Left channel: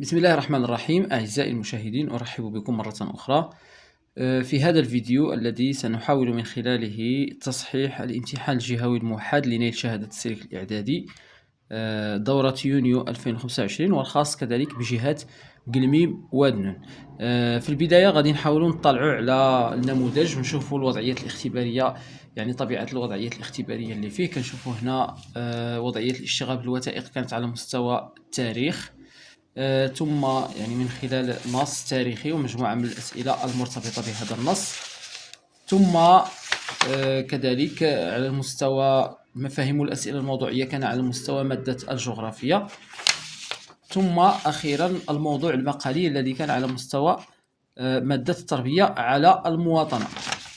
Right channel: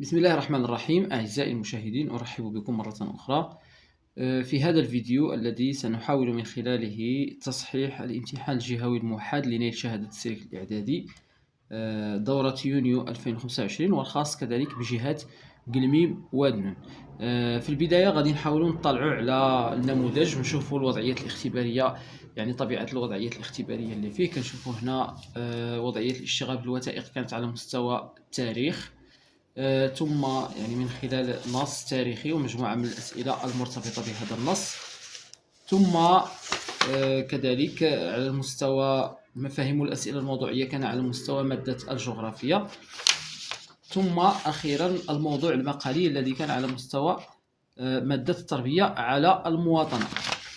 بسم الله الرحمن الرحيم. أعزائي المشاهدين، أرحب بكم مرة أخرى في هذا الفيديو الذي سنحاول من خلاله تصحيح الامتحان الجهوي الموحد لنيل شهادة السلك الإعدادي دورة يونيو 2025، والخاص كذلك بجهات قلميم وادنون. في البداية غادي نحاولوا نطلعوا على النموذج ونشوفوا الوضعيات الاختبارية، يعني طبيعة الوضعيات الاختبارية اللي فيه. كنشوفوا هنا وضعية الاشتغال بالوثائق كانت على مستوى التاريخ، ثم يعني من خلال نص تاريخي ومجموعة من الأسئلة المرتبطة بهذا النص، ثم كذلك على المستوى مفاهيم الأسئلة الموضوعية كان على مستوى مادة الجغرافيا، ثم أخيرا الموضوع المقالي الذي كان على مستوى مادة التربية على المواطنة.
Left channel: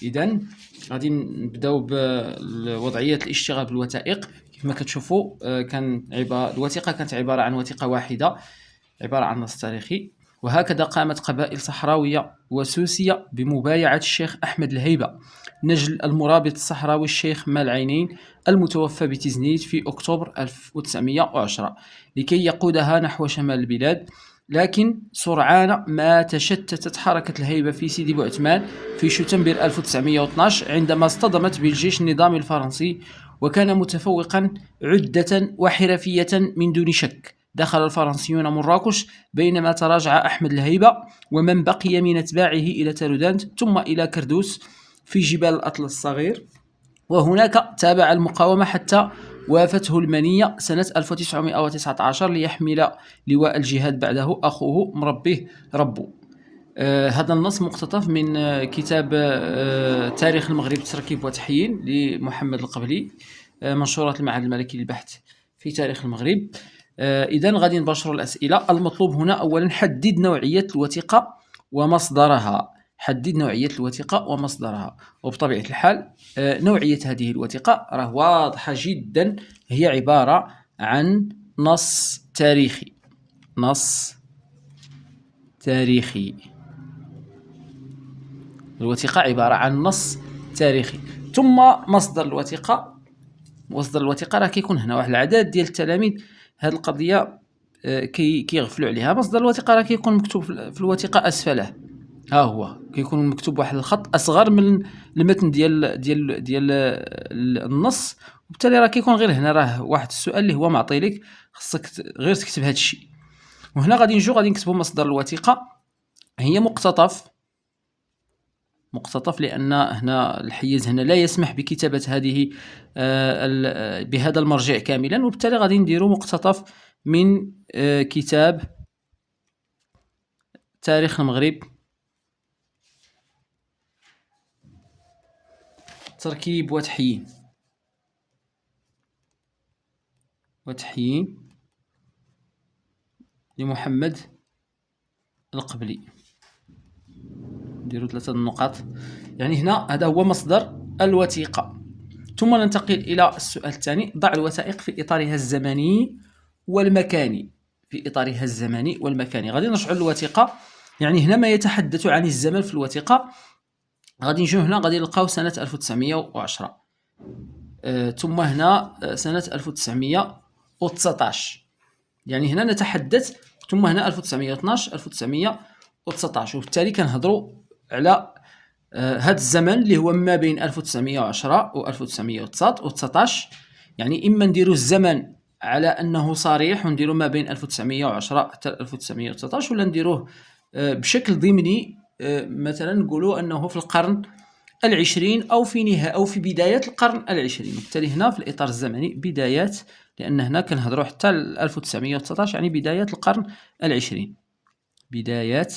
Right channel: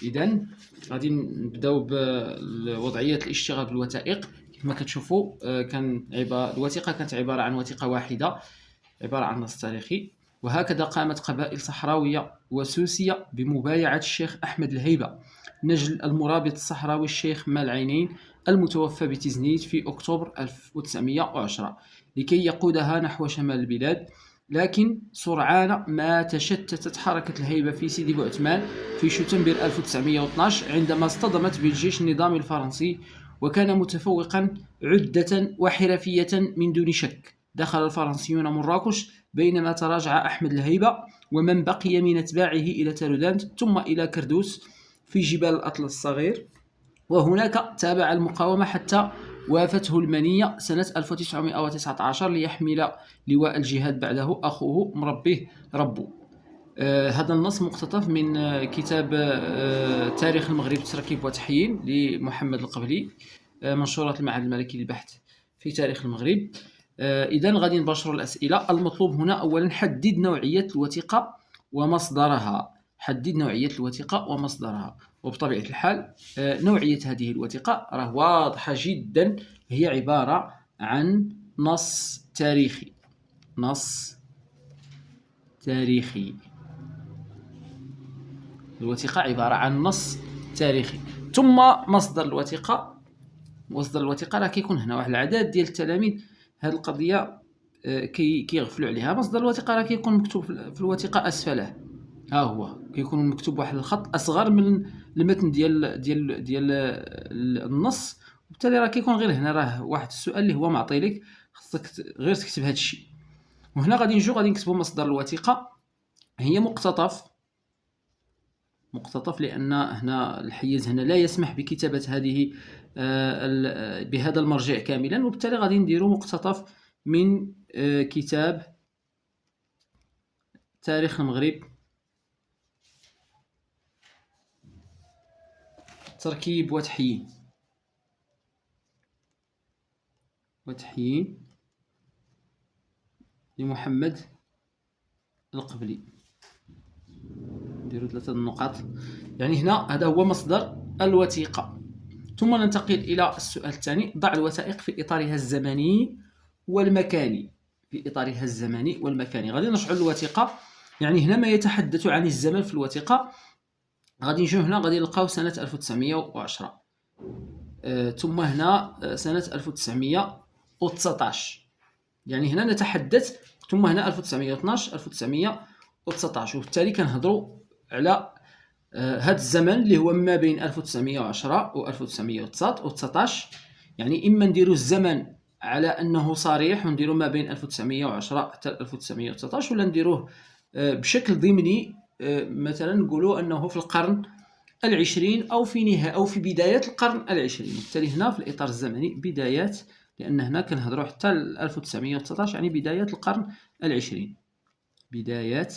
إذن غادي نبداو بوضعية الاشتغال بالوثائق. كما كتشوفوا الوثيقة كانت عبارة عن وثيقة واحدة، عبارة عن نص تاريخي. وهكذا قامت قبائل صحراوية وسوسية بمبايعة الشيخ أحمد الهيبة نجل المرابط الصحراوي الشيخ مال عينين المتوفى بتزنيت في أكتوبر 1910 لكي يقودها نحو شمال البلاد. لكن سرعان ما تشتتت حركة الهيبة في سيدي بوعثمان في شتنبر 1912 عندما اصطدمت بالجيش النظامي الفرنسي، وكان متفوقا عدة وحرفية من دون شك. دخل الفرنسيون مراكش بينما تراجع أحمد الهيبة ومن بقي من أتباعه إلى تارودانت ثم إلى كردوس في جبال الأطلس الصغير، وهناك تابع المقاومة حتى وافته المنية سنة 1919 ليحمل لواء الجهاد بعده أخوه مربيه ربو. هذا النص مقتطف من كتاب تاريخ المغرب تركيب وتحيين لمحمد القبلي، منشورات المعهد الملكي للبحث في تاريخ المغرب. إذن غادي نباشروا الأسئلة. المطلوب هنا أولا حدد نوعية الوثيقة ومصدرها. حدد نوعية الوثيقة ومصدرها. وبطبيعة الحال نوعية هذه الوثيقة راه واضحة جدا، هي عبارة عن نص تاريخي. نص تاريخي. الوثيقة عبارة عن نص تاريخي. ثم مصدر الوثيقة. مصدر الوثيقة راه كيكون هنا واحد العدد ديال التلاميذ. هذه القضية كيغفلوا عليها. مصدر الوثيقة راه كيكون مكتوب في الوثيقة أسفله. ها هو كيكون مكتوب واحد الخط أصغر من المتن ديال النص، وبالتالي راه كيكون غير هنا راه واحد السؤال اللي هو معطي لك، خصك غير تكتب هذا الشيء. وهنا غادي نكتبوا مصدر الوثيقة هي مقتطف، لأن هنا الحيز هنا لا يسمح بكتابة هذه بهذا المرجع كاملا، وبالتالي غادي نديرو مقتطف من كتاب تاريخ المغرب تركيب وتحيين لمحمد القبلي. نديرو 3 النقاط. يعني هنا هذا هو مصدر الوثيقة. ثم ننتقل إلى السؤال الثاني. ضع الوثائق في إطارها الزمني والمكاني. في إطارها الزمني والمكاني. غادي نرجعوا للوثيقة. يعني هنا ما يتحدث عن الزمن في الوثيقة غادي نجيو هنا غادي نلقاو سنة 1910، ثم هنا سنة 1919. يعني هنا نتحدث، ثم هنا 1912 1919، وبالتالي كنهضروا على هذا الزمن اللي هو ما بين 1910 و 1919. يعني إما نديروا الزمن على أنه صريح ونديروا ما بين 1910 حتى 1919، ولا نديروه بشكل ضمني، مثلا نقولوا أنه في القرن العشرين أو في بدايات القرن العشرين. وبالتالي هنا في الإطار الزمني بدايات، لأن هنا كنهضروا حتى 1919 يعني بدايات القرن العشرين. بدايات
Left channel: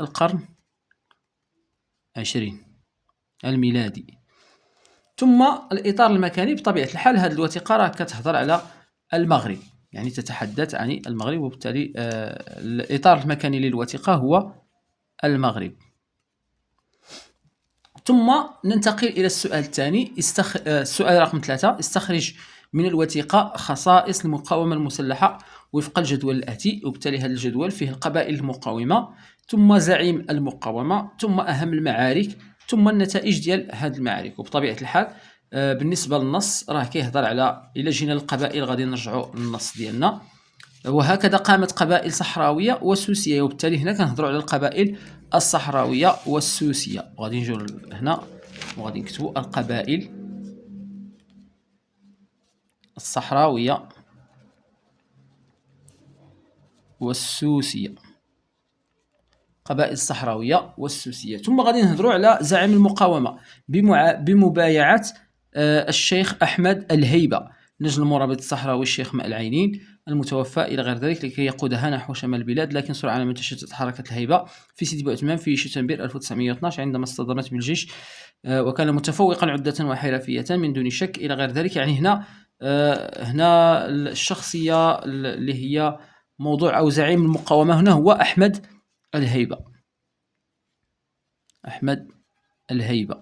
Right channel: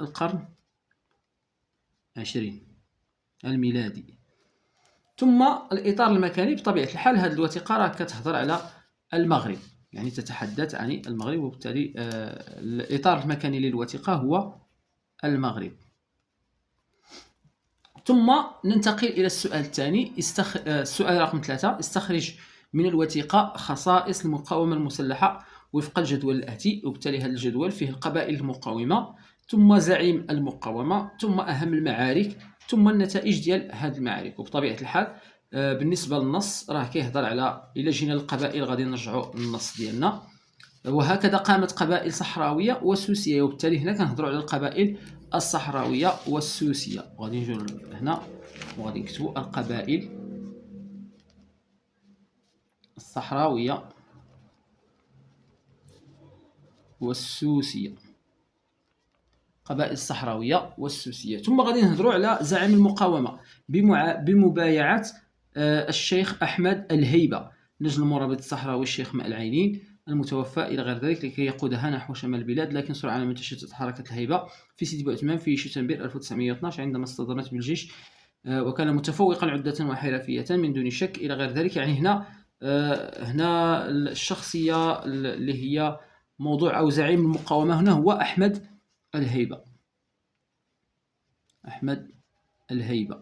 القرن العشرين الميلادي. ثم الإطار المكاني. بطبيعة الحال هذه الوثيقة راه كتهضر على المغرب، يعني تتحدث عن المغرب، وبالتالي الإطار المكاني للوثيقة هو المغرب. ثم ننتقل إلى السؤال الثاني. السؤال رقم 3. استخرج من الوثيقة خصائص المقاومة المسلحة وفق الجدول الآتي. وبالتالي هذا الجدول فيه القبائل المقاومة، ثم زعيم المقاومة، ثم أهم المعارك، ثم النتائج ديال هذه المعارك. وبطبيعة الحال بالنسبة للنص راه كيهضر على، إلا جينا للقبائل غادي نرجعوا للنص ديالنا. وهكذا قامت قبائل صحراوية وسوسية، وبالتالي هنا كنهضروا على القبائل الصحراوية والسوسية. وغادي نجيو هنا وغادي نكتبوا القبائل الصحراوية والسوسية، قبائل الصحراوية والسوسية. ثم غادي نهضروا على زعيم المقاومة بمبايعة الشيخ أحمد الهيبة، نجل المرابط الصحراوي الشيخ ماء العينين المتوفى إلى غير ذلك، لكي يقودها نحو شمال البلاد، لكن سرعان ما تشتت حركة الهيبة في سيدي بوعثمان في شتنبر 1912 عندما اصطدمت بالجيش، وكان متفوقا عدة وحرفية من دون شك إلى غير ذلك. يعني هنا الشخصية اللي هي موضوع أو زعيم المقاومة هنا هو أحمد الهيبة. أحمد الهيبة.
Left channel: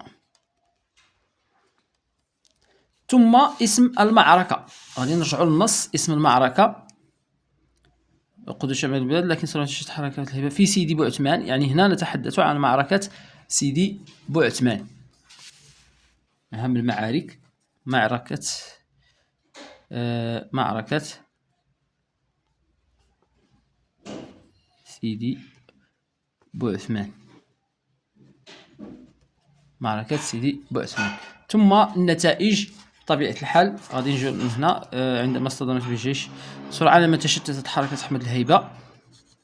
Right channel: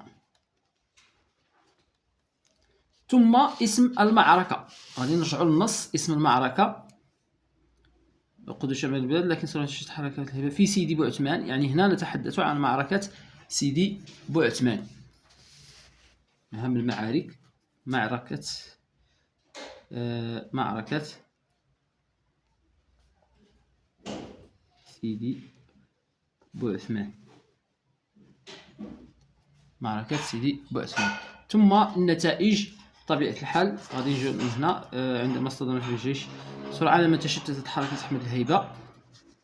ثم اسم المعركة، غادي نرجعوا للنص. اسم المعركة قدس شمال البلاد لكن سرعان تشتت حركة الهيبة في سيدي بوعثمان. يعني هنا نتحدث عن معركة سيدي بوعثمان، أهم المعارك، معركة سيدي بوعثمان، معركة سيدي بوعثمان. ثم النتائج بطبيعة الحال غادي نجيو من هنا. عندما اصطدمت بالجيش سرعان ما تشتتت حركة أحمد الهيبة،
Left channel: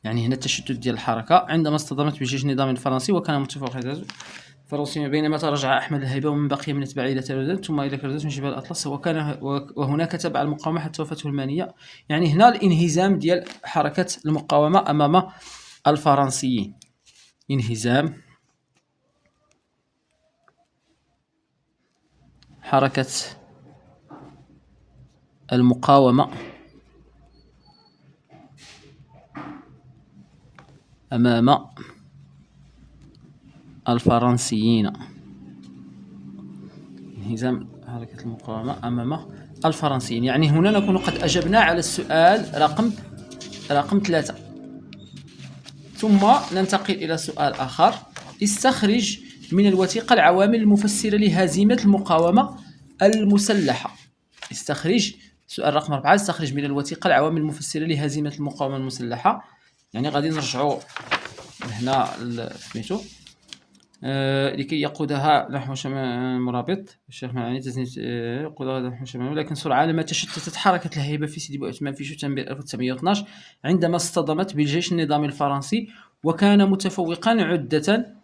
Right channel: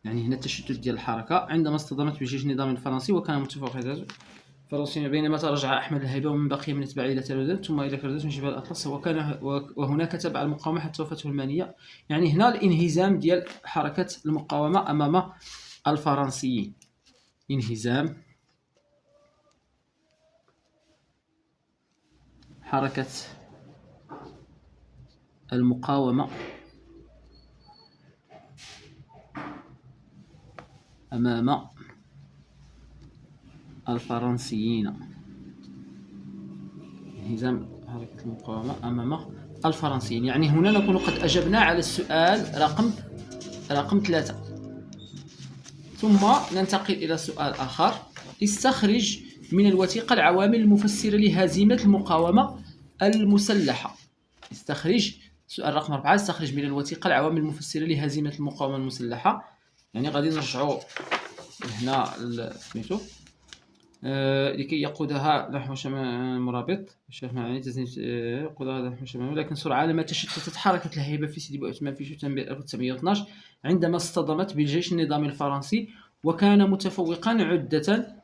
يعني هنا التشتت ديال الحركة عندما اصطدمت بالجيش النظامي الفرنسي، وكان متفوق الفرنسي بينما تراجع أحمد الهيبة ومن بقي من أتباعه إلى تلودان ثم إلى كرداس من جبال الأطلس، وهناك تبع المقاومة حتى وفاته المانية. يعني هنا الانهزام ديال حركة المقاومة أمام الفرنسيين، انهزام حركة المقاومة أمام الفرنسيين، انهزام حركة المقاومة أمام الفرنسيين. يعني هنا نكون قد أجبنا على السؤال رقم 3. ثم ننتقل إلى سؤال آخر. استخرج من الوثيقة العوامل المفسرة لهزيمة المقاومة المسلحة. استخرج، سؤال رقم 4، استخرج من الوثيقة العوامل المفسرة لهزيمة المقاومة المسلحة. يعني غادي نرجعوا هنا سميتو لكي يقودها نحو شمال مرابط الشيخ معاني يقودها نحو شمال، ولكن سرعان ما تشتتت حركة الهيبة في سيدي بوعثمان في شتنبر 1912 عندما اصطدمت بالجيش النظامي الفرنسي، وكان متفوقا عدة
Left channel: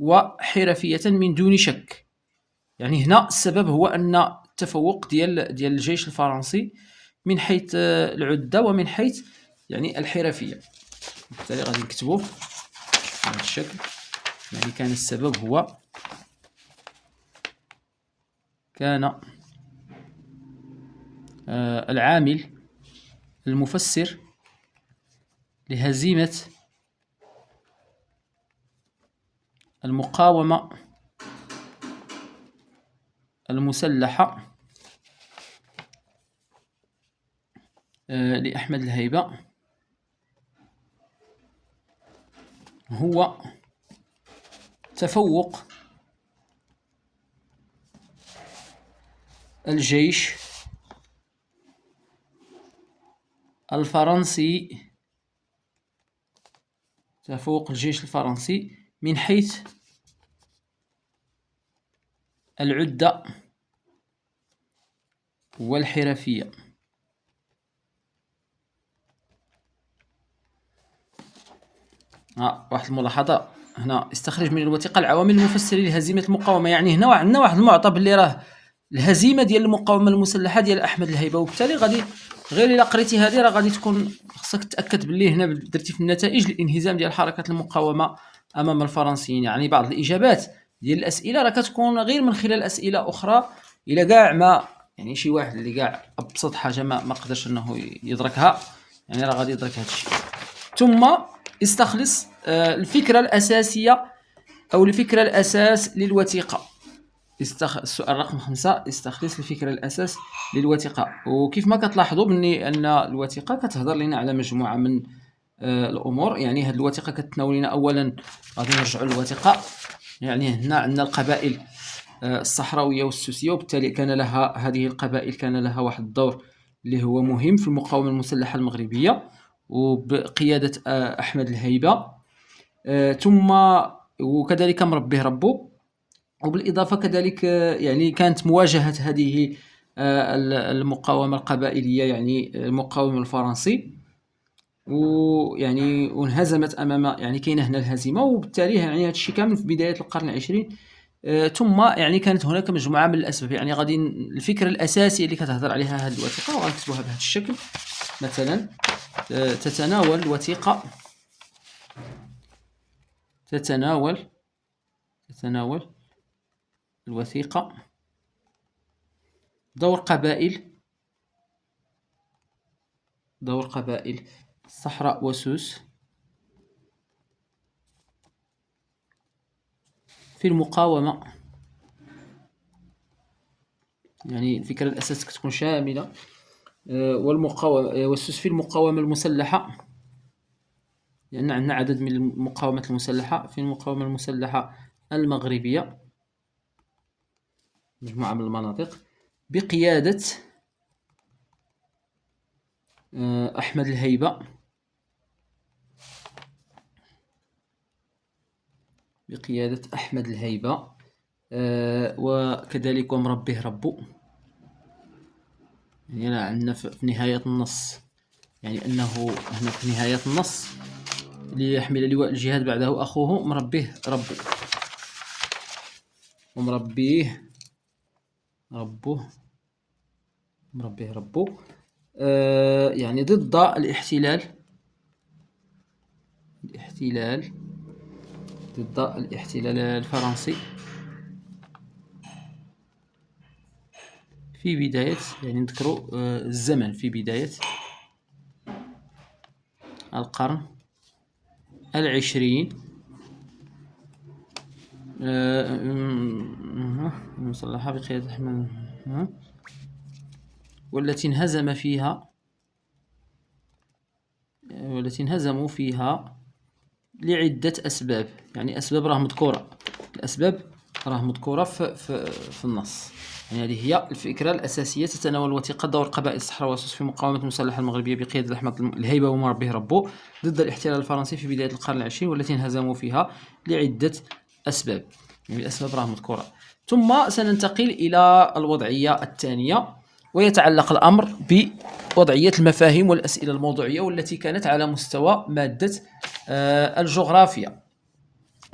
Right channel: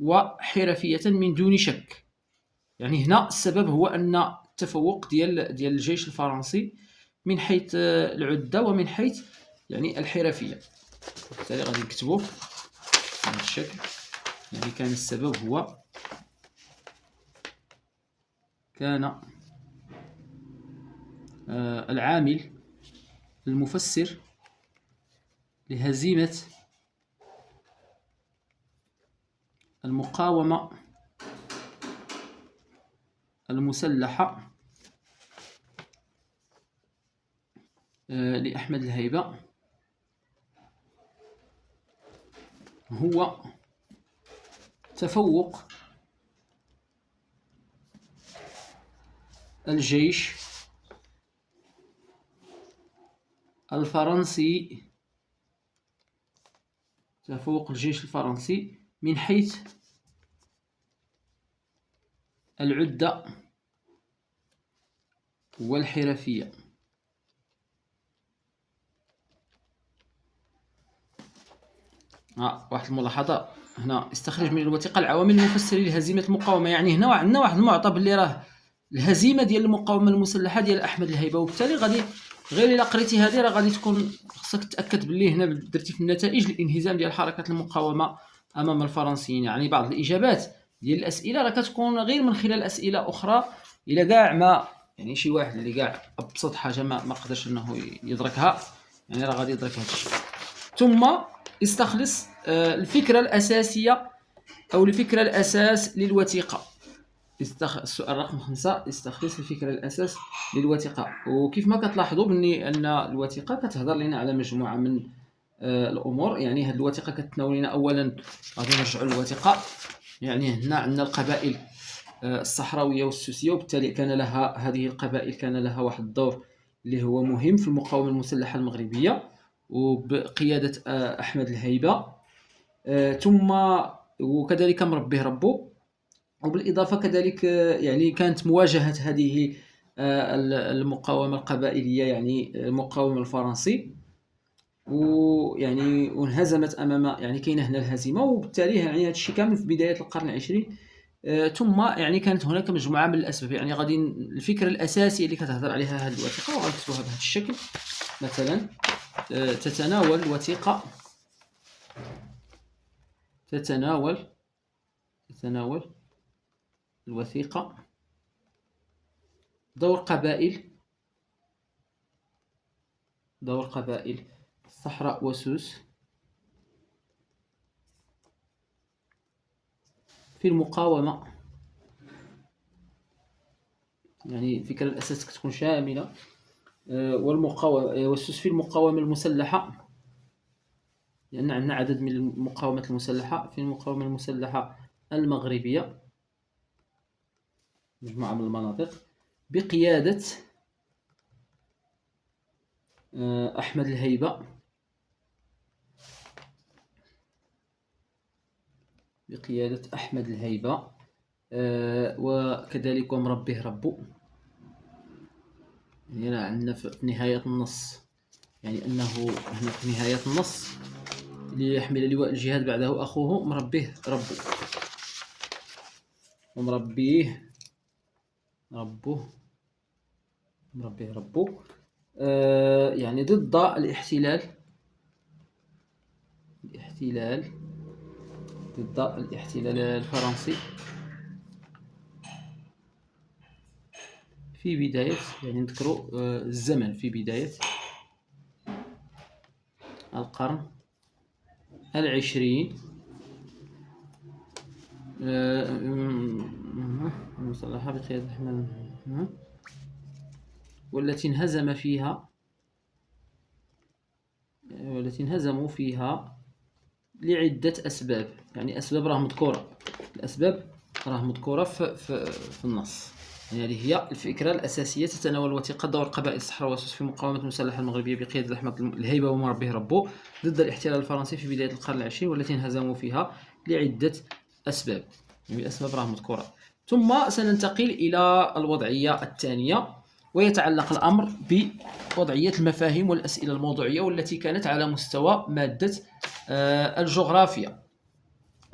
وحرفية من دون شك. يعني هنا السبب هو أن التفوق ديال الجيش الفرنسي من حيث العدة ومن حيث يعني الحرفية، وبالتالي غادي نكتبوه بهذا الشكل. يعني كان السبب هو كان العامل المفسر لهزيمة المقاومة المسلحة لأحمد الهيبة هو تفوق الجيش الفرنسي، تفوق الجيش الفرنسي من حيث العدة والحرفية. واحد الملاحظة هنا، استخرج من الوثيقة العوامل المفسرة لهزيمة المقاومة. يعني هنا عندنا واحد المعطى باللي راه الهزيمة ديال المقاومة المسلحة ديال أحمد الهيبة، وبالتالي غادي غير إلا قريتي هذه راه غادي تكون خصك تأكد باللي هنا درتي في النتائج الانهزام ديال حركة المقاومة أمام الفرنسيين. يعني بعض الإجابات ديال الأسئلة راه كتكون غير من خلال أسئلة أخرى، إلى كاع ما يعني شي واحد اللي كاع أبسط حاجة ما قدرش أنه يدركها، يعني راه غادي يدرك هذا الشيء. ثم استخلص الفكرة الأساسية أو الفكرة الأساس للوثيقة. السؤال رقم 5، استخلص الفكرة الأساس للوثيقة. وكيف ما كتلاحظوا بني أن الوثيقة كتهضر لنا على مجموعة من الأمور. يعني هذه الوثيقة كتناول لنا أولا، غادي نرجعوا للوثيقة، يعني هنا عندنا القبائل الصحراوية والسوسية، وبالتالي كان لها هذه القبائل كان لها واحد الدور اللي هو مهم في المقاومة المسلحة المغربية. وبقيادة أحمد الهيبة. ثم وكذلك مربيه ربو. وبالإضافة كذلك يعني كانت مواجهة هذه المقاومة القبائلية، يعني المقاومة الفرنسي، ويعني وانهزمت أمام، يعني كاينة هنا الهزيمة. وبالتالي يعني هذا الشيء كامل في بداية القرن العشرين. ثم يعني كانت هناك مجموعة من الأسباب. يعني غادي الفكرة الأساسية اللي كتهضر عليها هذه الوثيقة وغنكتبوها بهذا الشكل مثلا. تتناول الوثيقة تتناول الوثيقة دور قبائل الصحراء وسوس في المقاومة. يعني الفكرة الأساسية تكون شاملة. والمقاومة وسوس في المقاومة المسلحة، لأن عندنا عدد من المقاومات المسلحة. في المقاومة المسلحة المغربية مجموعة من المناطق بقيادة أحمد الهيبة، وكذلك ومربيه ربو. يعني عندنا في نهاية النص، يعني أنه هنا في نهاية النص ليحمل لواء الجهاد بعده أخوه مربيه ربو، ومربيه ربو يعني ضد الاحتلال الفرنسي في بداية، يعني نذكروا الزمن في بداية القرن العشرين. مصلحة بقيادة أحمد، والتي انهزموا فيها لعدة أسباب. يعني أسباب راه مذكورة، في النص. يعني هذه هي الفكرة الأساسية. تتناول الوثيقة دور قبائل الصحراء والسوس في مقاومة المسلحة المغربية بقيادة أحمد الهيبة ومربيه ربو ضد الاحتلال الفرنسي في بداية القرن العشرين، والتي انهزموا فيها لعدة أسباب. يعني الأسباب راه مذكورة. ثم سننتقل إلى الوضعية الثانية، ويتعلق الأمر بوضعية المفاهيم والأسئلة الموضوعية، والتي كانت على مستوى مادة الجغرافيا.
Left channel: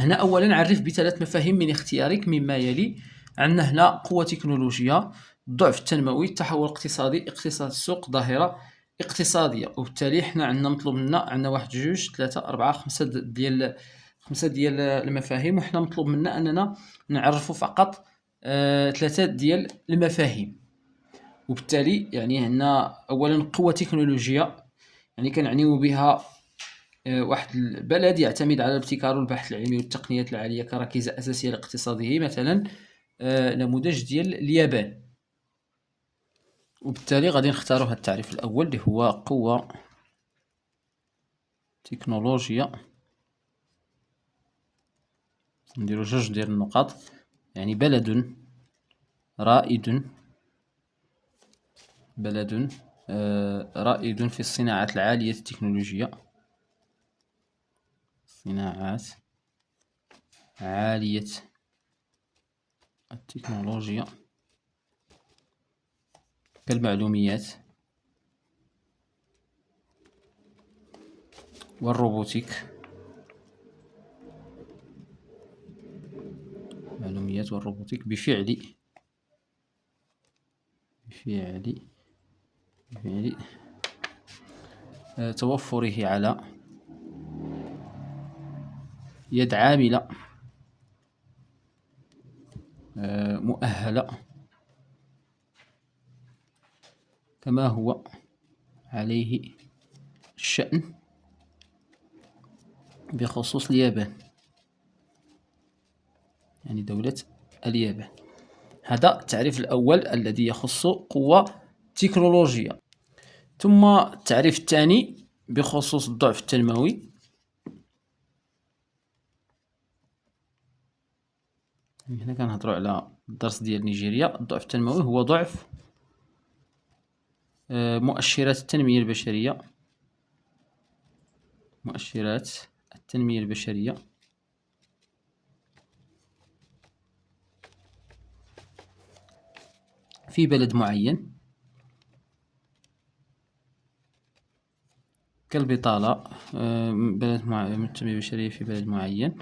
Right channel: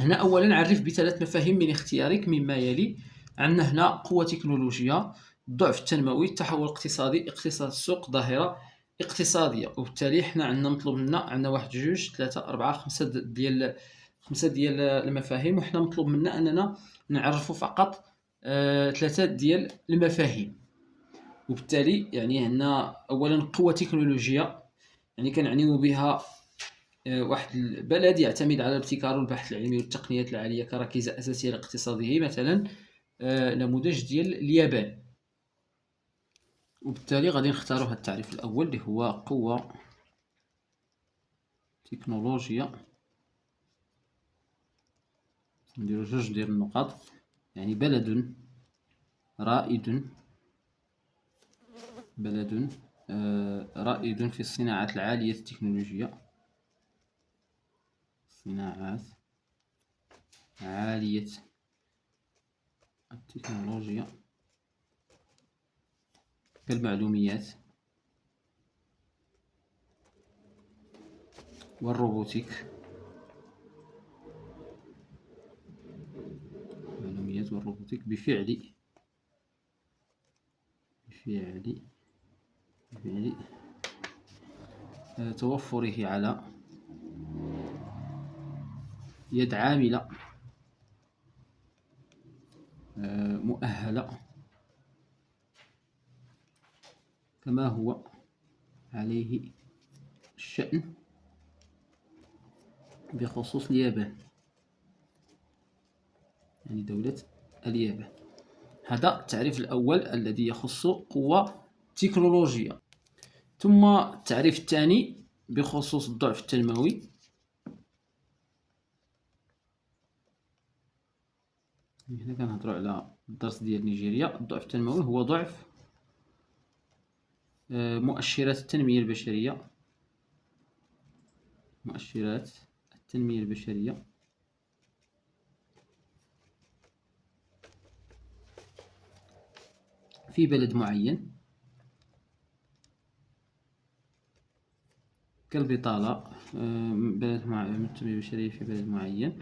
هنا أولا نعرف بثلاث مفاهيم من اختيارك مما يلي. عندنا هنا قوة تكنولوجية، الضعف التنموي، التحول الاقتصادي، اقتصاد السوق، ظاهرة اقتصادية. وبالتالي حنا عندنا مطلوب منا، عندنا 1 2 3 4 5 ديال المفاهيم، وحنا مطلوب منا أننا نعرفوا فقط 3 ديال المفاهيم. وبالتالي يعني هنا أولا قوة تكنولوجية، يعني كنعنيو بها واحد البلد يعتمد على الابتكار والبحث العلمي والتقنيات العالية كركيزة أساسية لاقتصاده. مثلا نموذج ديال اليابان. وبالتالي غادي نختاروا هذا التعريف الأول اللي هو قوة تكنولوجيا. نديرو جوج ديال النقاط، يعني بلد رائد في الصناعات العالية التكنولوجيا، صناعات عالية التكنولوجيا كالمعلوميات والروبوتيك. بفعل توفره على يد عاملة مؤهلة كما هو عليه الشأن بخصوص اليابان، يعني دولة اليابان. هذا التعريف الأول الذي يخص قوة تكنولوجية. ثم التعريف الثاني بخصوص الضعف التنموي. هنا كنهضروا على الدرس ديال نيجيريا. الضعف التنموي هو ضعف مؤشرات التنمية البشرية مؤشرات التنمية البشرية في بلد معين كالبطالة. التنمية البشرية في بلد معين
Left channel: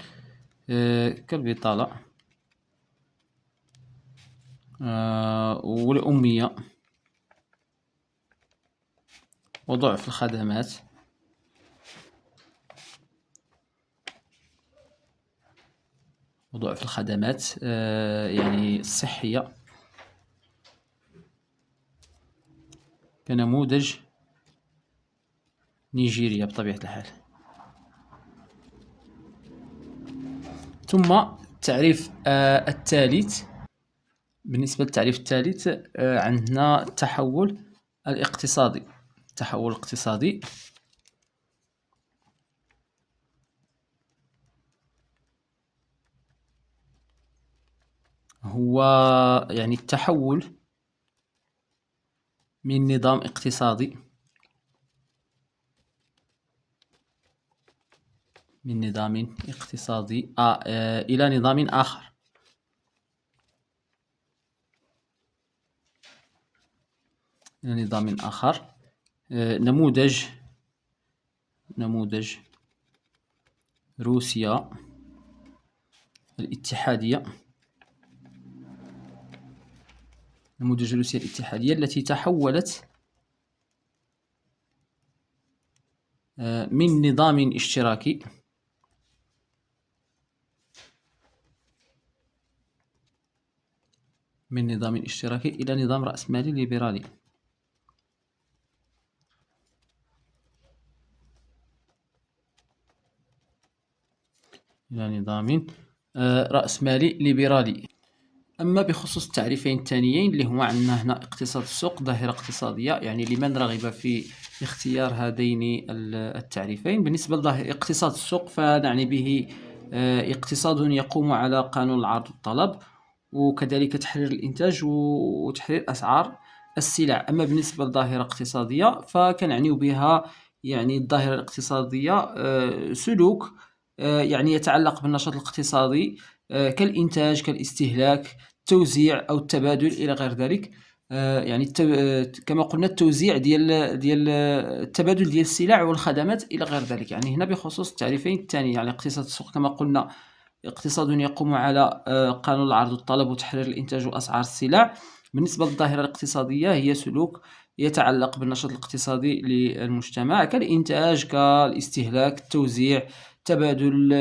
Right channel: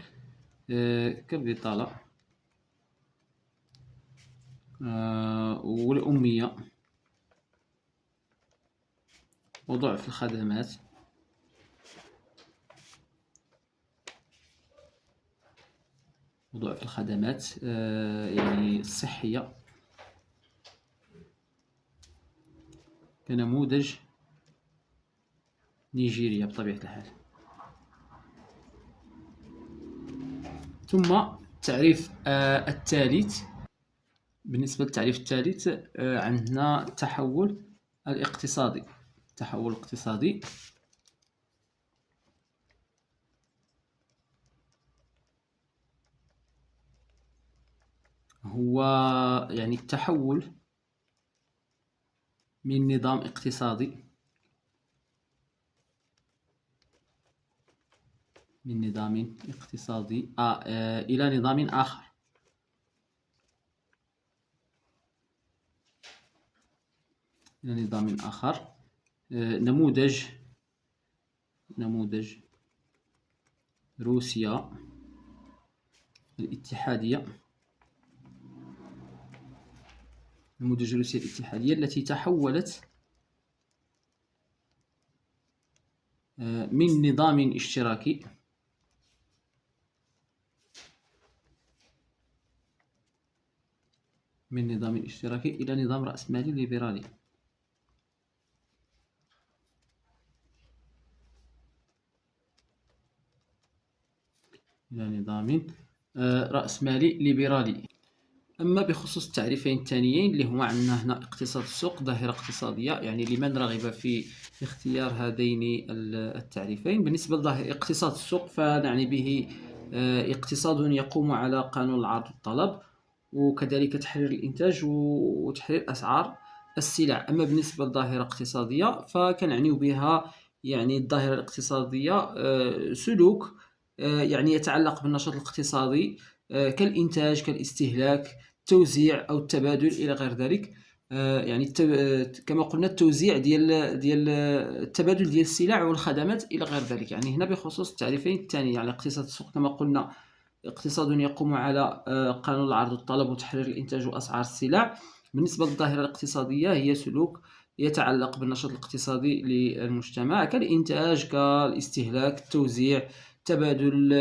كالبطالة والأمية وضعف الخدمات يعني الصحية كنموذج نيجيريا بطبيعة الحال. ثم التعريف الثالث. بالنسبة للتعريف الثالث عندنا التحول الاقتصادي. التحول الاقتصادي هو يعني التحول من نظام اقتصادي إلى نظام آخر. نموذج روسيا الاتحادية. التي تحولت من نظام اشتراكي إلى نظام رأسمالي ليبرالي. أما بخصوص التعريفين الثانيين اللي هما عندنا هنا اقتصاد السوق، ظاهرة اقتصادية، يعني لمن رغب في اختيار هذين التعريفين. بالنسبة لاقتصاد السوق فنعني به اقتصاد يقوم على قانون العرض والطلب، وكذلك تحرير الإنتاج وتحرير أسعار السلع. أما بالنسبة للظاهرة الاقتصادية فكنعنيو بها يعني الظاهرة الاقتصادية سلوك يعني يتعلق بالنشاط الاقتصادي كالإنتاج، كالاستهلاك، التوزيع أو التبادل إلى غير ذلك. يعني كما قلنا التوزيع ديال التبادل ديال السلع والخدمات إلى غير ذلك. يعني هنا بخصوص التعريفين الثاني، يعني اقتصاد السوق كما قلنا اقتصاد يقوم على قانون العرض والطلب وتحرير الإنتاج وأسعار السلع. بالنسبة للظاهرة الاقتصادية هي سلوك يتعلق بالنشاط الاقتصادي للمجتمع كالإنتاج، كالاستهلاك، التوزيع، تبادل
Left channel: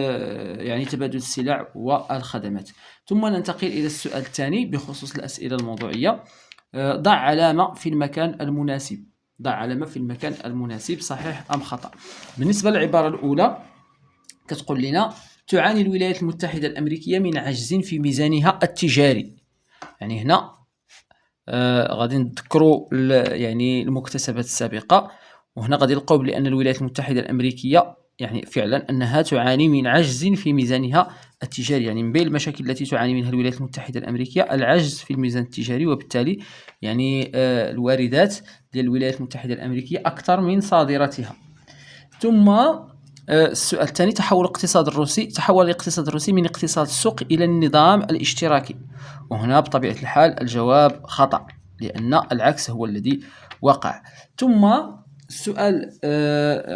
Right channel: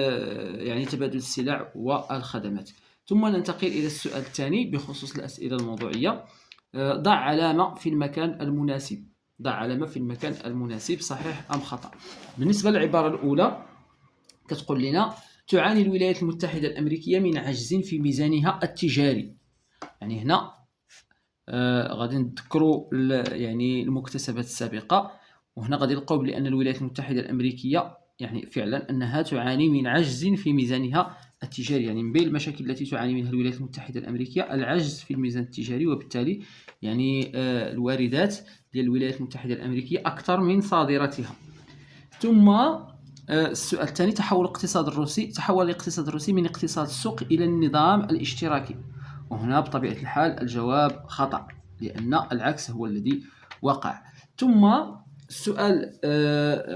يعني تبادل السلع والخدمات. ثم ننتقل إلى السؤال الثاني بخصوص الأسئلة الموضوعية. ضع علامة في المكان المناسب. صحيح أم خطأ؟ بالنسبة للعبارة الأولى كتقول لنا تعاني الولايات المتحدة الأمريكية من عجز في ميزانها التجاري. يعني هنا غادي نذكروا يعني المكتسبات السابقة، وهنا غادي نلقاو بأن الولايات المتحدة الأمريكية يعني فعلا أنها تعاني من عجز في ميزانها التجاري. يعني من بين المشاكل التي تعاني منها الولايات المتحدة الأمريكية العجز في الميزان التجاري، وبالتالي يعني الواردات ديال الولايات المتحدة الأمريكية أكثر من صادراتها. ثم السؤال الثاني، تحول الاقتصاد الروسي من اقتصاد السوق إلى النظام الاشتراكي. وهنا بطبيعة الحال الجواب خطأ، لأن العكس هو الذي وقع. ثم السؤال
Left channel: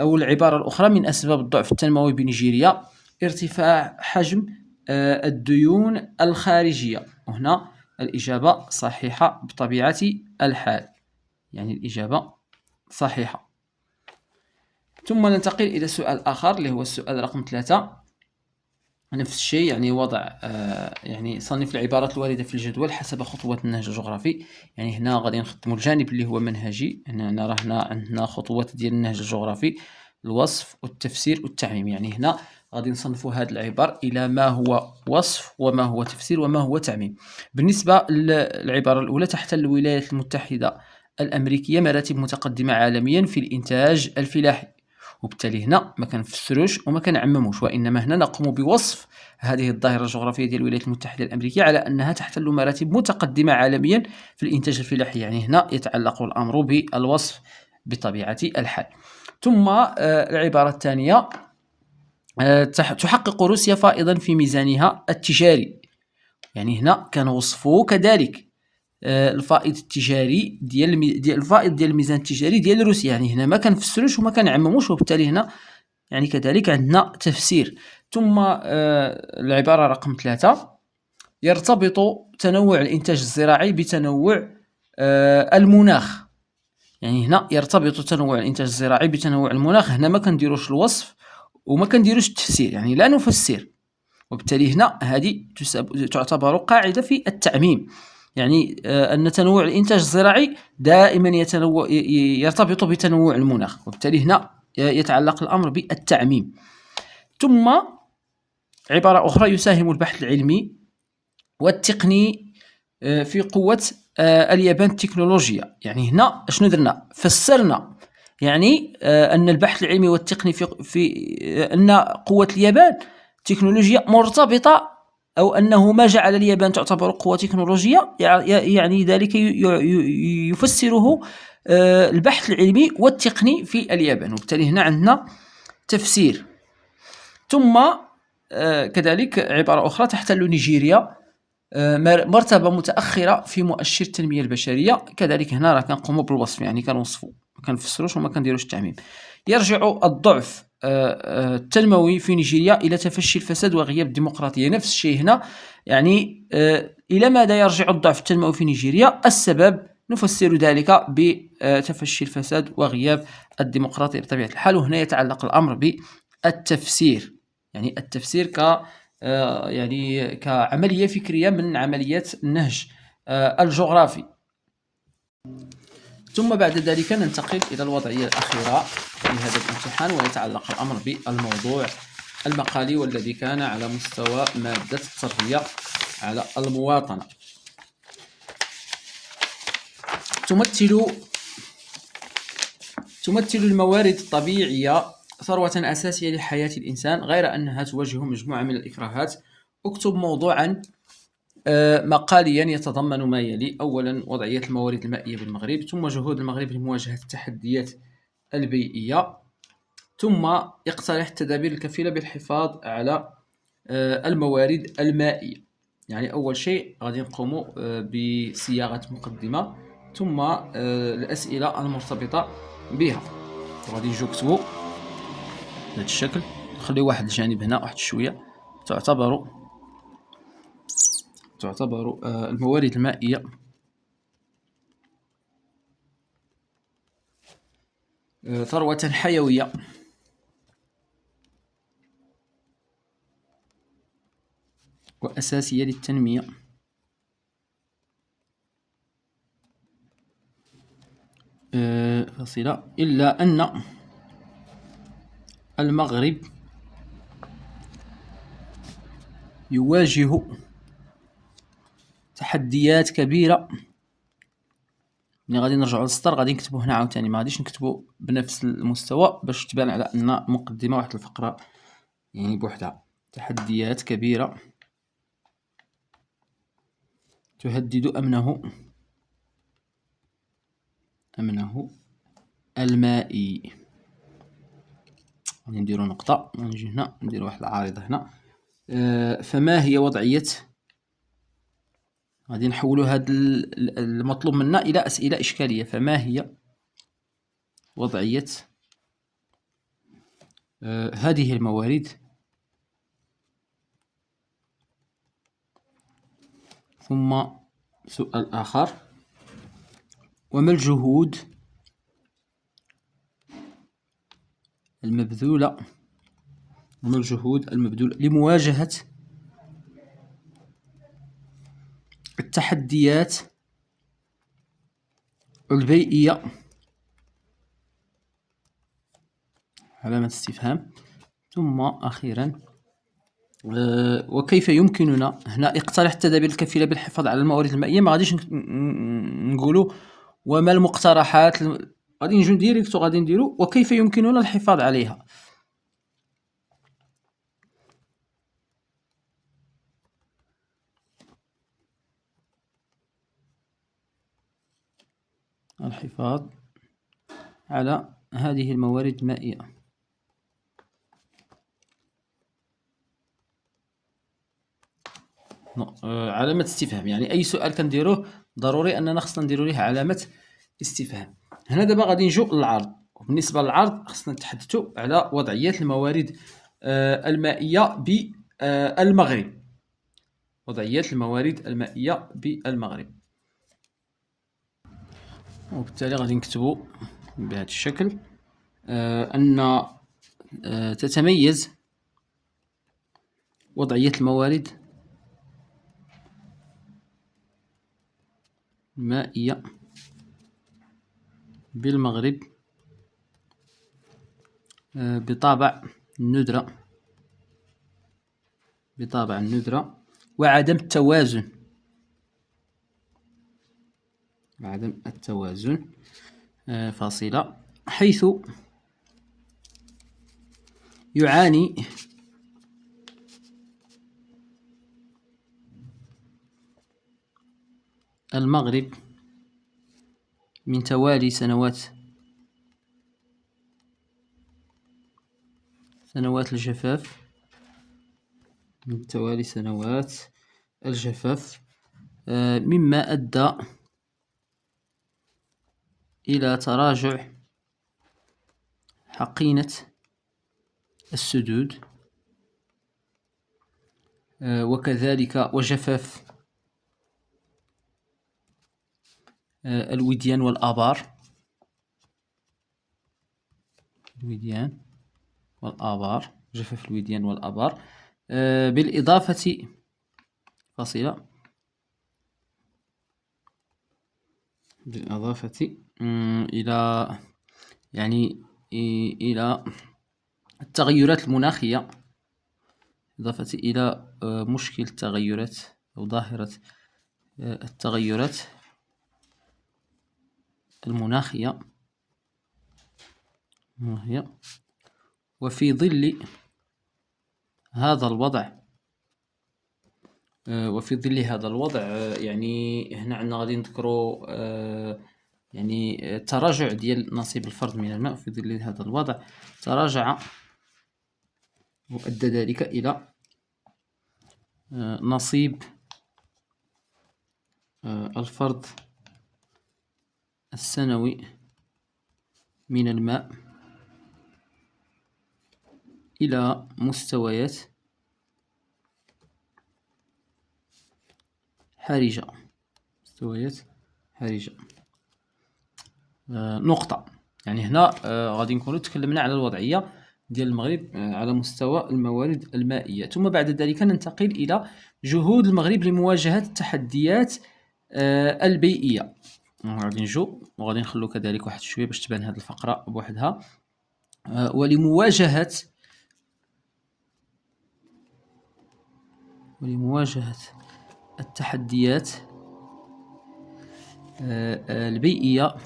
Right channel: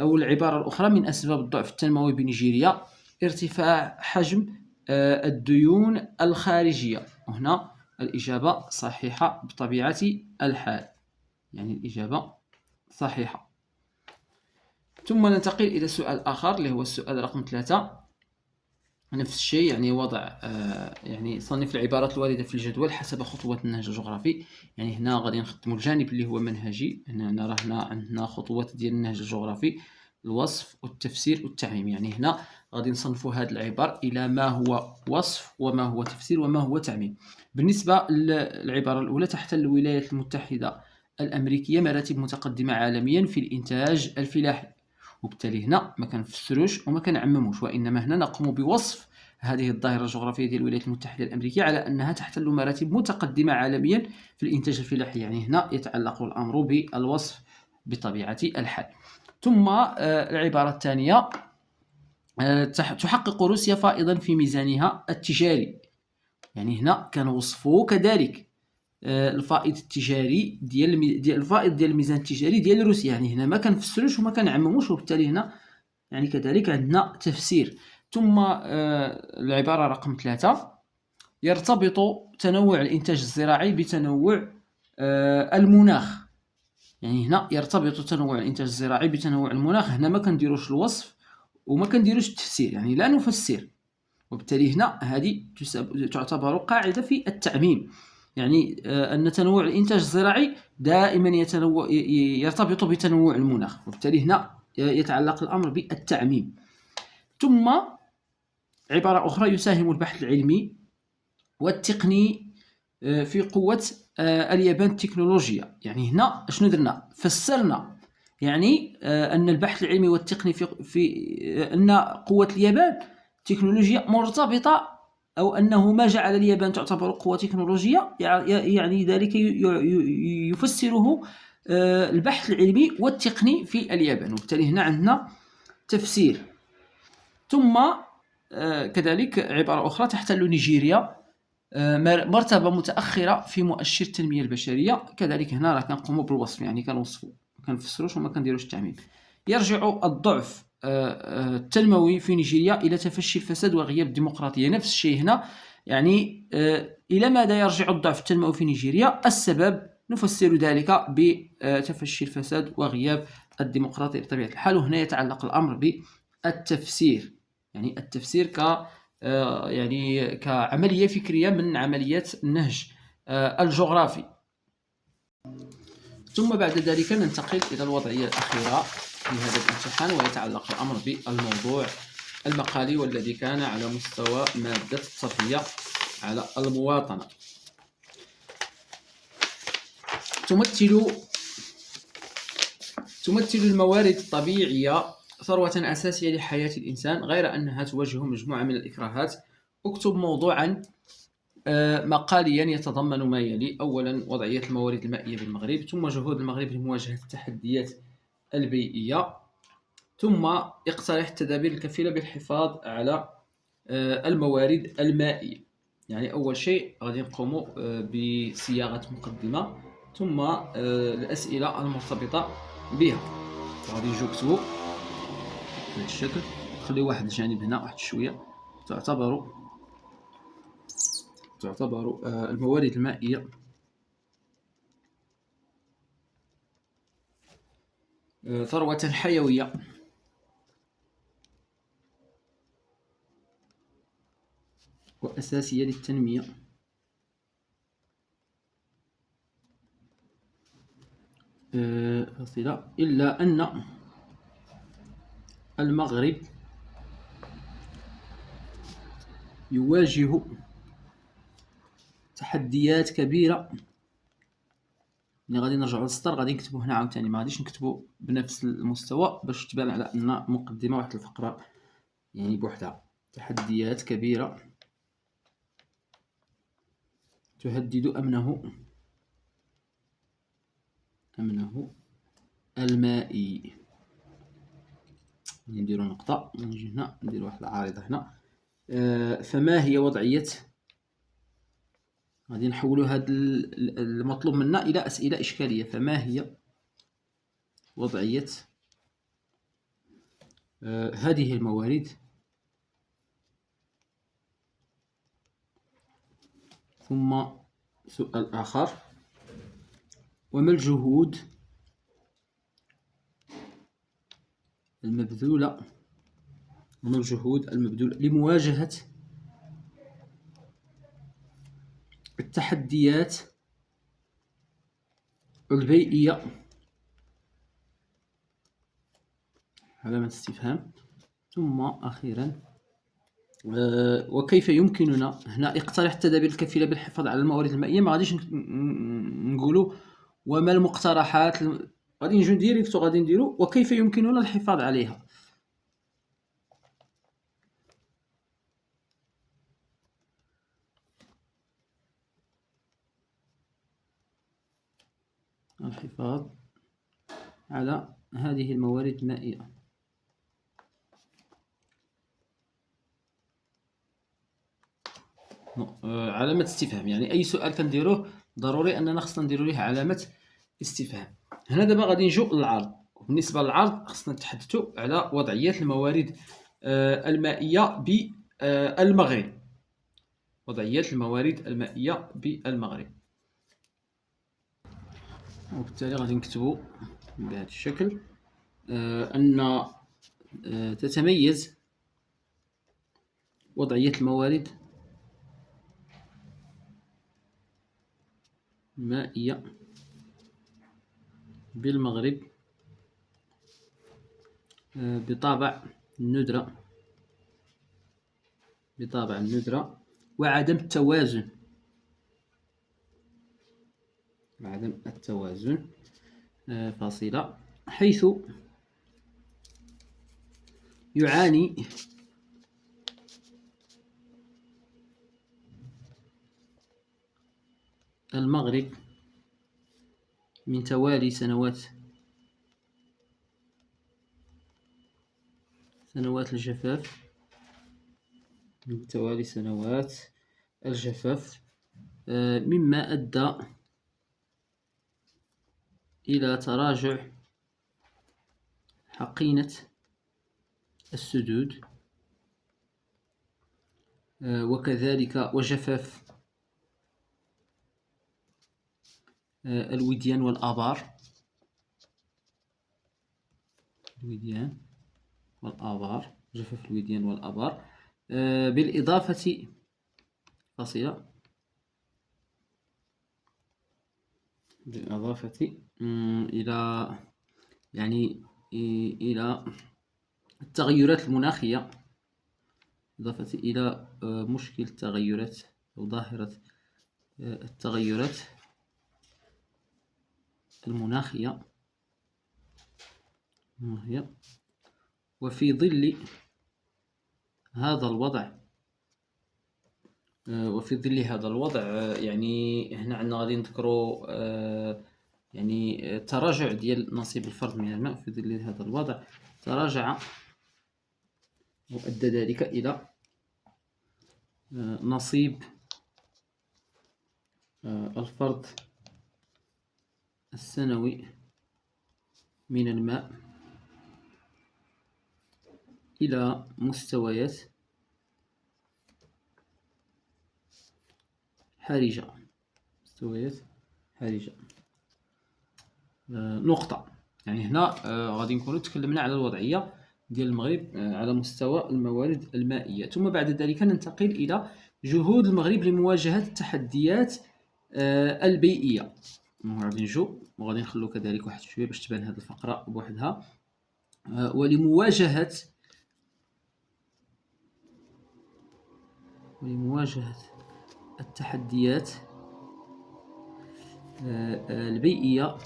أو العبارة الأخرى، من أسباب الضعف التنموي بنيجيريا ارتفاع حجم الديون الخارجية. وهنا الإجابة صحيحة بطبيعة الحال، يعني الإجابة صحيحة. ثم ننتقل إلى سؤال آخر اللي هو السؤال رقم 3. نفس الشيء، يعني وضع يعني صنف العبارات الواردة في الجدول حسب خطوات النهج الجغرافي. يعني هنا غادي نخدموا الجانب اللي هو منهجي. هنا راه عندنا خطوات ديال النهج الجغرافي: الوصف والتفسير والتعميم. يعني هنا غادي نصنفوا هذه العبارة إلى ما هو وصف وما هو تفسير وما هو تعميم. بالنسبة للعبارة الأولى، تحتل الولايات المتحدة الأمريكية مراتب متقدمة عالميا في الإنتاج الفلاحي. وبالتالي هنا ما كنفسروش وما كنعمموش، وإنما هنا نقوم بوصف هذه الظاهرة الجغرافية ديال الولايات المتحدة الأمريكية على أنها تحتل مراتب متقدمة عالميا في الإنتاج الفلاحي. يعني هنا يتعلق الأمر بالوصف بطبيعة الحال. ثم العبارة الثانية، تحقق روسيا فائضا في ميزانها التجاري. يعني هنا كانوا وصفوا كذلك الفائض التجاري ديال الفائض ديال الميزان التجاري ديال روسيا. يعني هنا ما كنفسروش وما كنعمموش، وبالتالي هنا يعني كذلك عندنا تفسير. ثم العبارة رقم 3: يرتبط تنوع الإنتاج الزراعي بتنوع المناخ. يعني هنا يرتبط تنوع الإنتاج الزراعي بتنوع المناخ. هنا ما كنديروش الوصف وما كنديروش التفسير، يعني لا نفسر، وبالتالي هنا هذه تعتبر قاعدة في التعميم. يعني أن تنوع الإنتاج الزراعي دائما يرتبط بتنوع المناخ، وبالتالي هنا يتعلق الأمر بالتعميم. ثم عبارة أخرى: يساهم البحث العلمي والتقني في قوة اليابان التكنولوجيا. يعني هنا شنو درنا؟ فسرنا يعني أن البحث العلمي والتقني في أن قوة اليابان تكنولوجيا مرتبطة، أو أنه ما جعل اليابان تعتبر قوة تكنولوجية يعني ذلك يفسره البحث العلمي والتقني في اليابان، وبالتالي هنا عندنا تفسير. ثم كذلك عبارة أخرى: تحتل نيجيريا مرتبة متأخرة في مؤشر التنمية البشرية. كذلك هنا راه كنقوموا بالوصف، يعني كنوصفوا ما كنفسروش وما كنديروش التعميم. يرجع الضعف التنموي في نيجيريا إلى تفشي الفساد وغياب الديمقراطية. نفس الشيء هنا، يعني إلى ماذا يرجع الضعف التنموي في نيجيريا؟ السبب نفسر ذلك بتفشي الفساد وغياب الديمقراطية بطبيعة الحال. وهنا يتعلق الأمر بالتفسير، يعني التفسير يعني كعملية فكرية من عمليات النهج الجغرافي. ثم بعد ذلك ننتقل إلى الوضعية الأخيرة في هذا الامتحان، ويتعلق الأمر بالموضوع المقالي والذي كان على مستوى مادة التربية على المواطنة. تمثل الموارد الطبيعية ثروة أساسية لحياة الإنسان، غير أنها تواجه مجموعة من الإكراهات. اكتب موضوعا مقاليا يتضمن ما يلي: أولا، وضعية الموارد المائية بالمغرب، ثم جهود المغرب لمواجهة التحديات البيئية، ثم اقترح التدابير الكفيلة بالحفاظ على الموارد المائية. يعني أول شيء غادي نقوم بصياغة مقدمة، ثم الأسئلة المرتبطة بها. غادي نجيو نكتبو بهذا الشكل، نخليو واحد الجانب هنا واحد شوية. تعتبر الموارد المائية ثروة حيوية وأساسية للتنمية، فصيلة، إلا أن المغرب يواجه تحديات كبيرة. غادي نرجعوا للسطر، غادي نكتبو هنا عاوتاني، ما غاديش نكتبو بنفس المستوى باش تبان على أن مقدمة واحد الفقرة يعني بوحدها. تحديات كبيرة تهدد أمنه المائي. غادي نديرو نقطة، نجي هنا ندير واحد العارضة هنا. فما هي وضعية، غادي نحولو هاد المطلوب منا إلى أسئلة إشكالية. فما هي وضعية هذه الموارد ثم سؤال آخر: وما الجهود المبذولة لمواجهة التحديات البيئية؟ علامة استفهام. ثم أخيرا وكيف يمكننا، هنا اقترح التدابير الكفيلة بالحفاظ على الموارد المائية. ما غاديش نقولوا وما المقترحات، غادي نجيو ديريكت وغادي نديرو وكيف يمكننا الحفاظ عليها. الحفاظ على هذه الموارد المائية. علامة استفهام، يعني أي سؤال كنديروه ضروري أننا خصنا نديرو ليه علامة استفهام. هنا دابا غادي نجيو للعرض، وبالنسبة للعرض خصنا نتحدثوا على وضعيات الموارد المائية بالمغرب. وضعيات الموارد المائية بالمغرب، وبالتالي غادي نكتبوا بهذا الشكل أن تتميز وضعية الموارد المائية بالمغرب بطابع الندرة وعدم التوازن فاصلة، حيث يعاني المغرب من توالي سنوات الجفاف، مما أدى إلى تراجع حقينة السدود، وكذلك وجفاف الوديان والآبار، جفاف الوديان والآبار، بالإضافة فاصلة إلى إلى التغيرات المناخية، إضافة إلى مشكل التغيرات أو ظاهرة التغيرات المناخية. وفي ظل هذا الوضع يعني هنا عندنا غادي نذكروا يعني التراجع ديال نصيب الفرد من الماء. في ظل هذا الوضع تراجع، وأدى ذلك إلى نصيب الفرد السنوي من الماء إلى مستويات حرجة. نقطة. يعني هنا غادي نكونوا تكلمنا على الوضعية ديال المغرب على مستوى الموارد المائية، ثم بعد ذلك ننتقل إلى جهود المغرب لمواجهة التحديات البيئية. غادي نجو وغادي نخلو كذلك واحد شوية باش تبان هذه الفقرة بوحدها. ولمواجهة التحديات البيئية،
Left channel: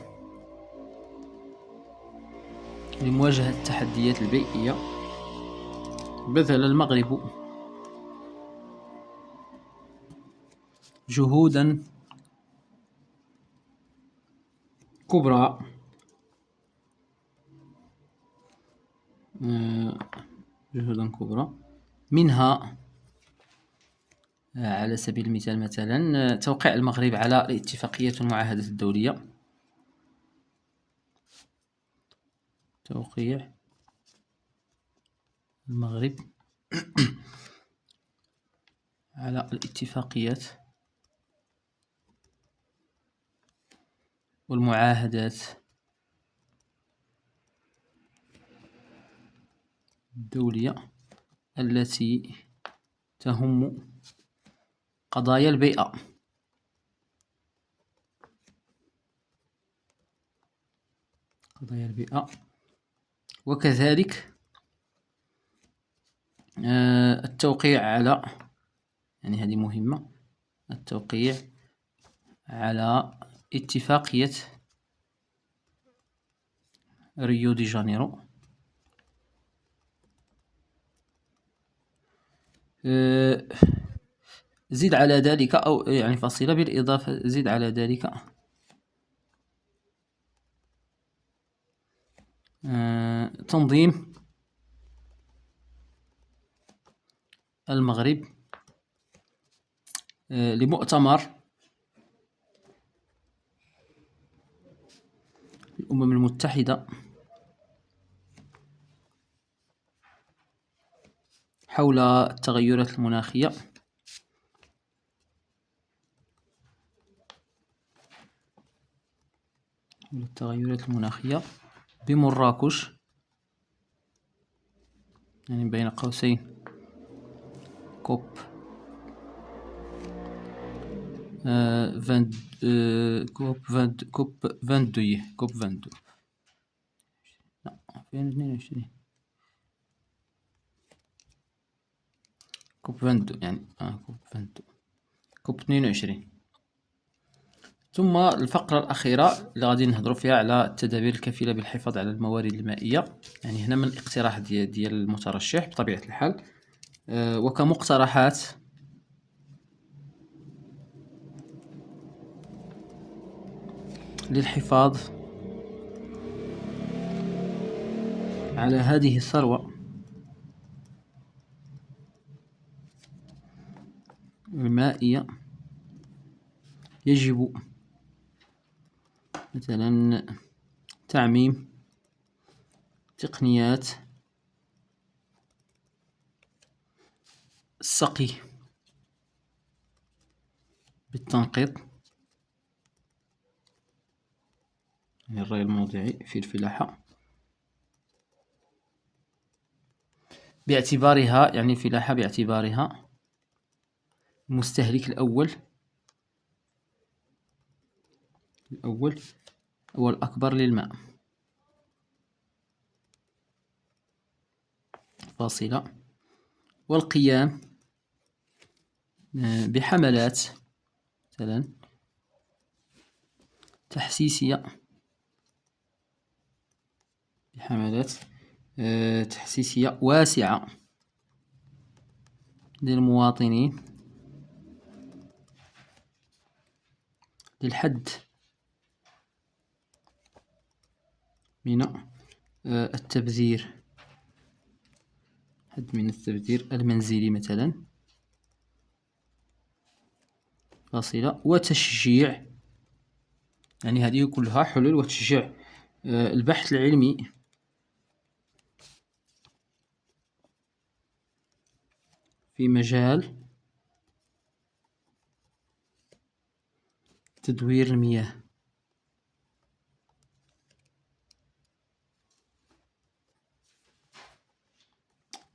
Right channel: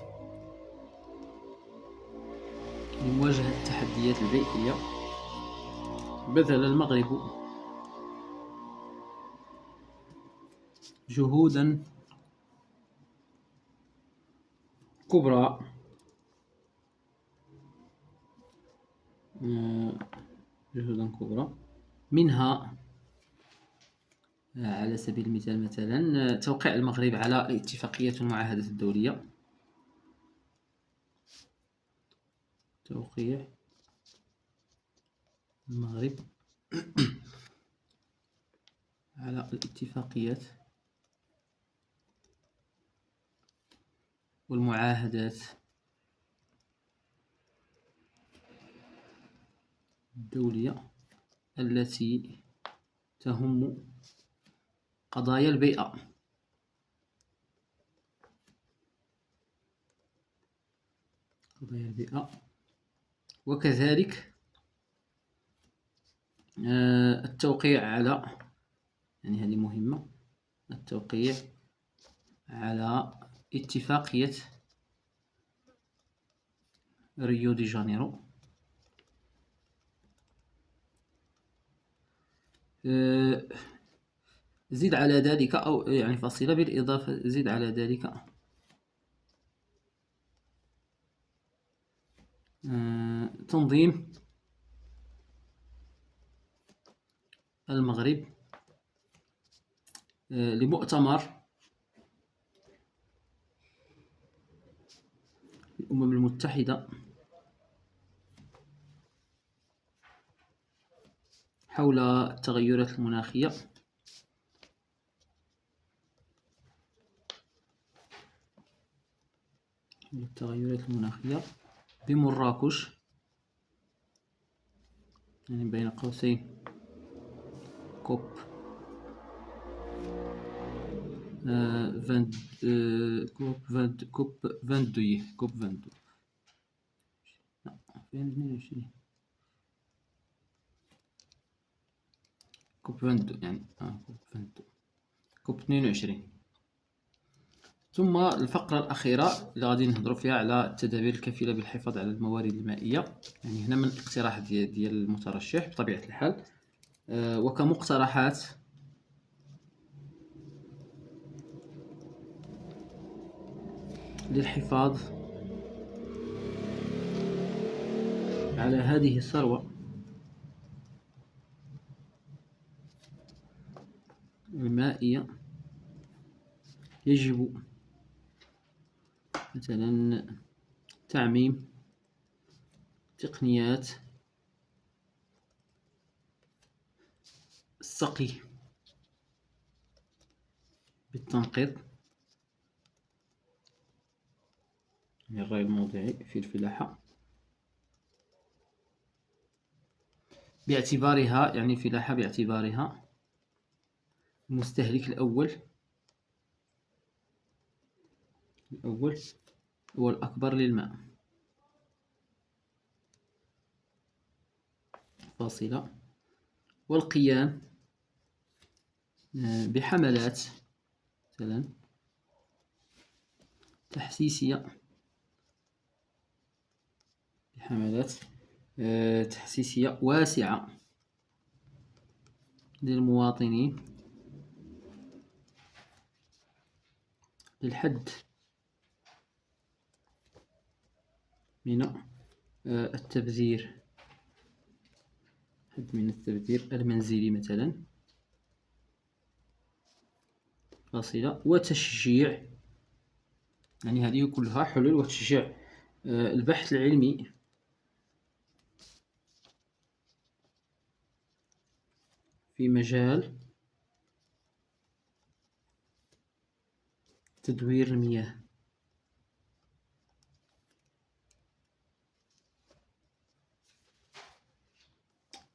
بذل المغرب جهودا كبرى منها على سبيل المثال مثلا توقيع المغرب على اتفاقية المعاهدة الدولية، توقيع المغرب على الاتفاقيات والمعاهدات الدولية التي تهم قضايا البيئة. وكذلك التوقيع على، يعني هذه مهمة، التوقيع على اتفاقية ريو دي جانيرو. زيد على ذلك، أو يعني فاصلة بالإضافة، زيد على ذلك تنظيم المغرب لمؤتمر الأمم المتحدة حول التغيرات المناخية بمراكش، يعني بين قوسين كوب كوب 22 لا 2022 كوب 22 يعني كوب 22. ثم الفقرة الأخيرة اللي غادي نهضروا فيها على التدابير الكفيلة بالحفاظ على الموارد المائية. يعني هنا من الاقتراح ديال المترشح بطبيعة الحال وكمقترحات للحفاظ على هذه الثروة المائية، يجب مثلا تعميم تقنيات السقي بالتنقيط، يعني الري الموضعي في الفلاحة، باعتبارها يعني الفلاحة باعتبارها المستهلك الأول والأكبر للماء. فاصلة. والقيام بحملات مثلا تحسيسية واسعة للمواطنين للحد من التبذير المنزلي مثلا. فاصلة. وتشجيع، يعني هذه كلها حلول، وتشجيع البحث العلمي في مجال تدوير المياه.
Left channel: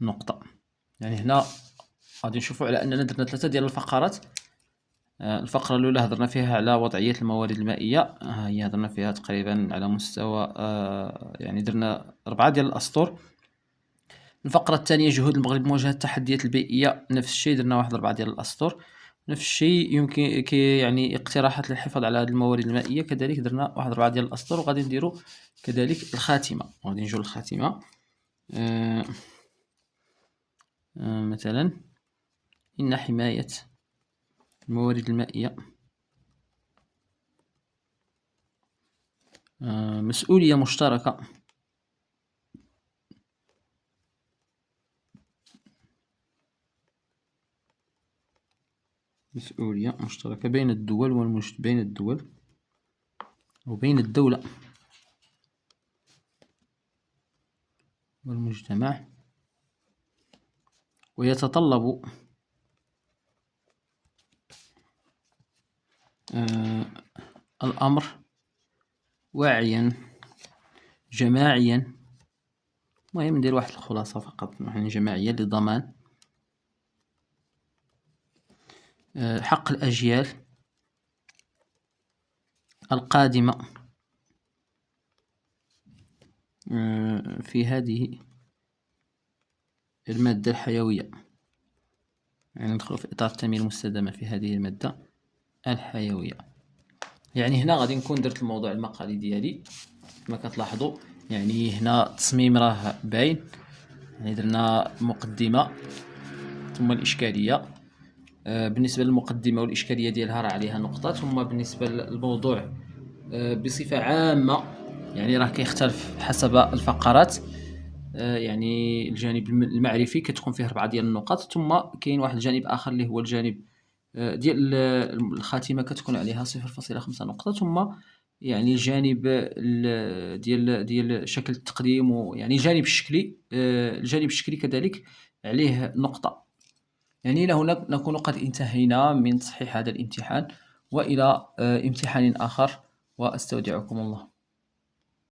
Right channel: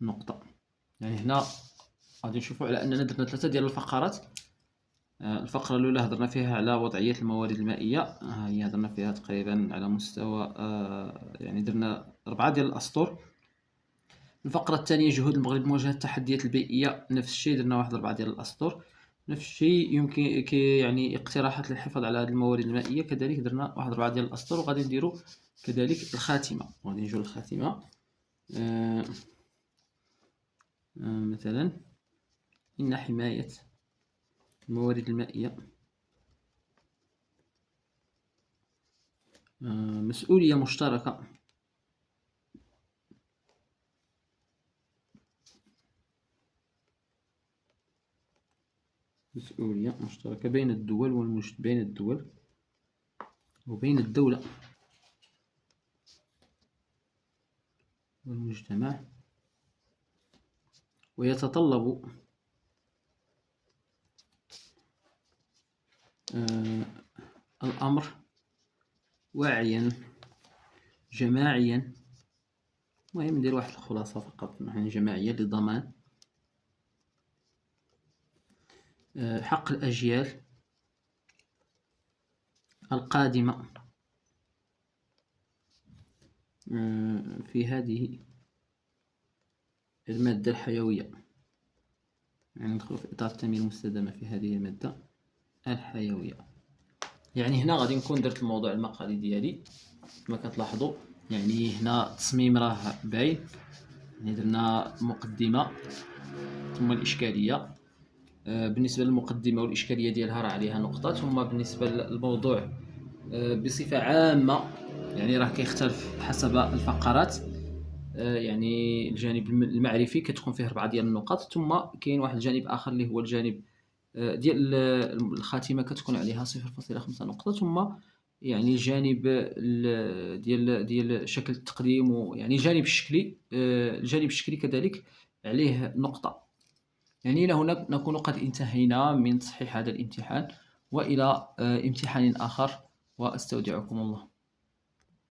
نقطة. يعني هنا غادي نشوفوا على أننا درنا 3 ديال الفقرات. الفقرة الأولى هضرنا فيها على وضعية الموارد المائية، هي هضرنا فيها تقريبا على مستوى يعني درنا 4 ديال الأسطر. الفقرة الثانية جهود المغرب لمواجهة التحديات البيئية، نفس الشيء درنا واحد 4 ديال الأسطر. نفس الشيء يمكن يعني اقتراحات للحفاظ على هذه الموارد المائية، كذلك درنا واحد 4 ديال الأسطر. وغادي نديرو كذلك الخاتمة، غادي نجيو للخاتمة. مثلا إن حماية الموارد المائية مسؤولية مشتركة بين الدول وبين الدولة والمجتمع، ويتطلب الأمر وعيا جماعيا. المهم ندير واحد الخلاصة فقط، يعني جماعيا لضمان حق الأجيال القادمة في هذه المادة الحيوية. يعني ندخل في إطار التنمية المستدامة في هذه المادة الحيوية. يعني هنا غادي نكون درت الموضوع المقالي ديالي كما كتلاحظوا. يعني هنا التصميم راه باين، يعني درنا مقدمة ثم الإشكالية. بالنسبة للمقدمة والإشكالية ديالها راه عليها نقطة. ثم بالنسبة للموضوع بصفة عامة يعني راه كيختلف حسب الفقرات. يعني الجانب المعرفي كتكون فيه 4 ديال النقط. ثم كاين واحد الجانب آخر اللي هو الجانب ديال الخاتمة كتكون عليها 0.5 نقطة. ثم يعني الجانب ديال شكل التقديم، ويعني الجانب الشكلي كذلك عليه نقطة. يعني إلى هنا نكون قد انتهينا من تصحيح هذا الامتحان، وإلى امتحان آخر، وأستودعكم الله.